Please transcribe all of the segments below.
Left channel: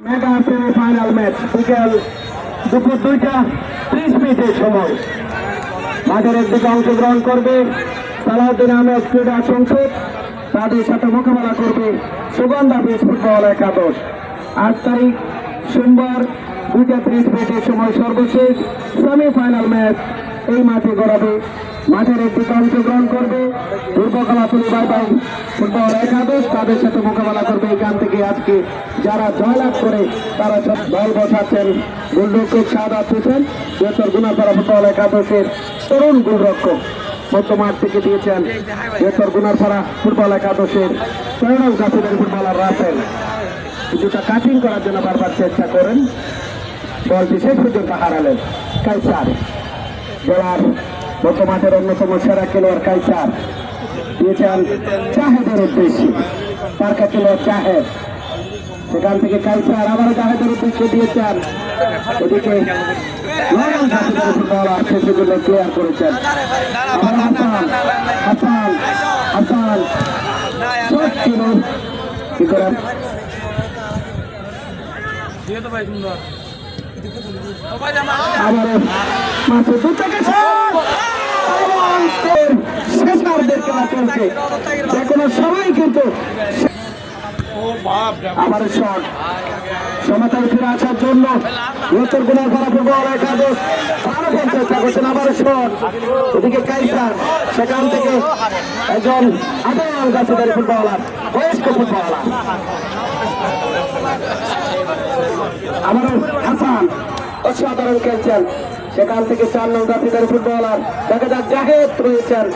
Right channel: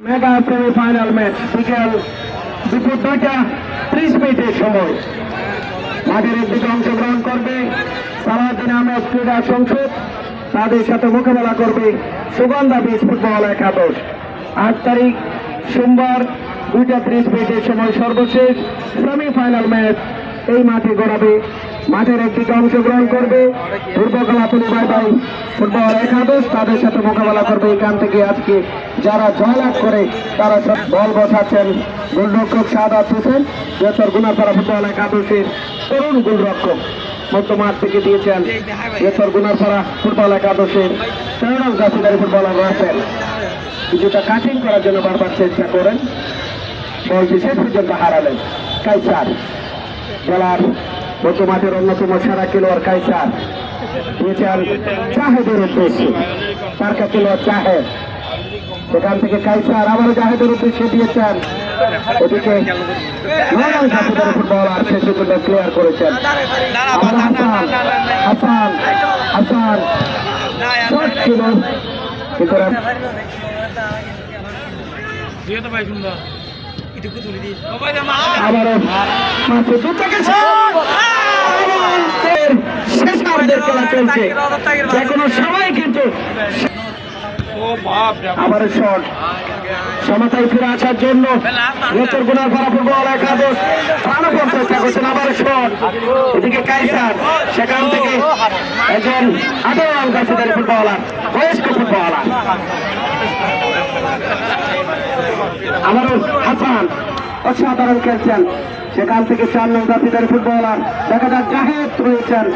Mega semifinal match বিকেল দুপুর দুইটা, ত্রিশ মিনিটের সময়। মাঠের একদিকে অংশগ্রহণ করবে সালাউদ্দিন আহমেদ ক্রীড়া সংসদ। তাদের সাথে মোকাবেলা করবে সুগন্ধা বীজ ফুটবল একাদশ আট তারিখ সোমবার দুইটা, ত্রিশ মিনিটের সময় সর্বশেষ সেমিফাইনাল ম্যাচ এই মাঠে গড়াবে মাঠের একদিকে অংশগ্রহণ করবে। দুর্গাকলা ফুটবল ফুটবল একাদশ, তাদের সাথে মোকাবেলা করবে এখান থেকে আজকে। যারা জয়লাভ করে, তারা সব বল বসাচ্ছেন। গোলরক্ষক সাদা হোসেন বৃহত্তর গুণাপাড়া ফুটবল একাদশের তরুণ গোলরক্ষক মধ্য মাঠ থেকে দিয়েছেন বৃহত্তর গুণাপাড়া ফুটবল একাদশের তরুণ জাতিদারি ফুটবলার রাসেল কিছুটা কাঠিন করার জন্য বারবার চেষ্টা করেন। বলটি শেষ পর্যন্ত হারালেন। কাইসার। জেলার মাঠের অন্যতম সেরা খেলোয়াড় কাইসার দিয়েছেন চাহেদের উদ্দেশ্যে। তার কাছে খেলোয়াড় চাহেদ। সেখান থেকে কাইসার আবার জাহেদের উদ্দেশ্যে দিয়েছেন। ওদিকে ক্লিয়ার করেছেন। হাসান হাসান হাসান। ছিল তো ভাই সুন্দর। তুলে সময় কিন্তু সমতায় ফিরে আসার জন্য লোচর গুণার ফুটবল একাদশ। প্রাণপণ চেষ্টা করছেন, আবার শট এদিকে কাইসার, সেখান থেকে একজন আদল গাছিদারি ফুটবলার, বয়স্ক ফুটবলার। আমারও হাসান, অসাধারণ খেলছেন। সেখান থেকে চার নং জাতিদারি ফুটবলার দেখা যাক, জাহেদ রয়েছেন।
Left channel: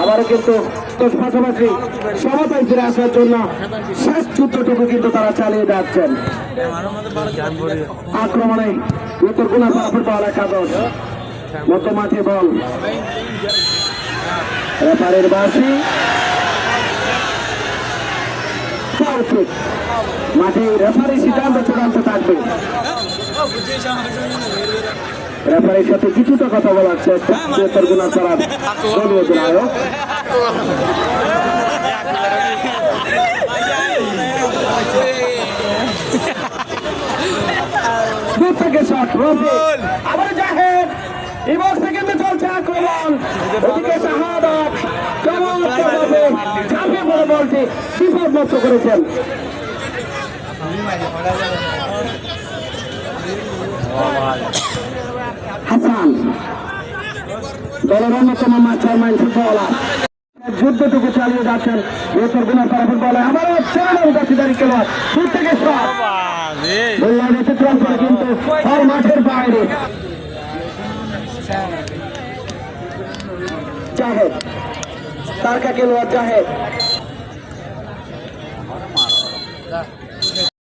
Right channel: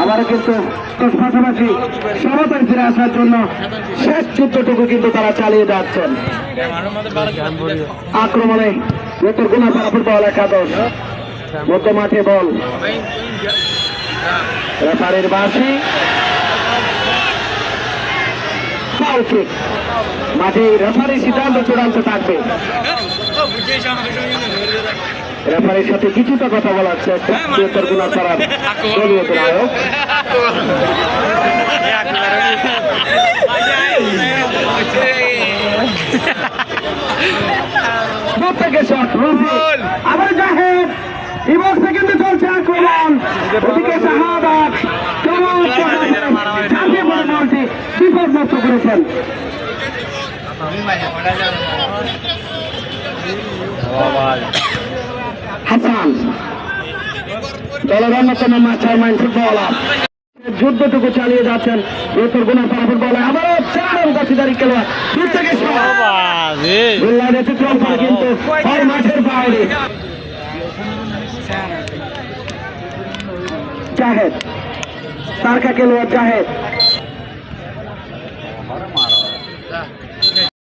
আবারও কিন্তু পাশাপাশি সমতায় ফিরে আসার জন্য শেষ যুদ্ধটুকু কিন্তু তারা চালিয়ে যাচ্ছেন। আক্রমণে নেতের গুণাপাড়া ফুটবল একাদশ। মধ্য মাঠে বল। রেফারের বাসি মাঠে রেফারি সিদ্ধান্ত চূড়ান্ত থাকবে। রেফারির সাথে কিছুটা কথা বলা হচ্ছে গুণা করার দলীয় অধিনায়ক দূর থেকে শট আবার জাহেদ। এবার সেকেন্ডে চলছে আক্রমণ ওদিকে শাহাদাত চাপে পড়ে বলটি বিপদ মুক্ত করেছেন। হাসান। দলের অন্যতম চেয়ারম্যান ফুটবলার যুদ্ধটুকু চালিয়ে যাচ্ছেন এরপর গুণা করা ফুটবলে। আবারও চেয়ারম্যান গাছিদারি খেলোয়াড় দূর থেকে গোল্লাইন অতিক্রম করে কিন্তু বল মাঠের বাইরে। জাহেদ, তারকা খেলোয়াড় জাহেদ।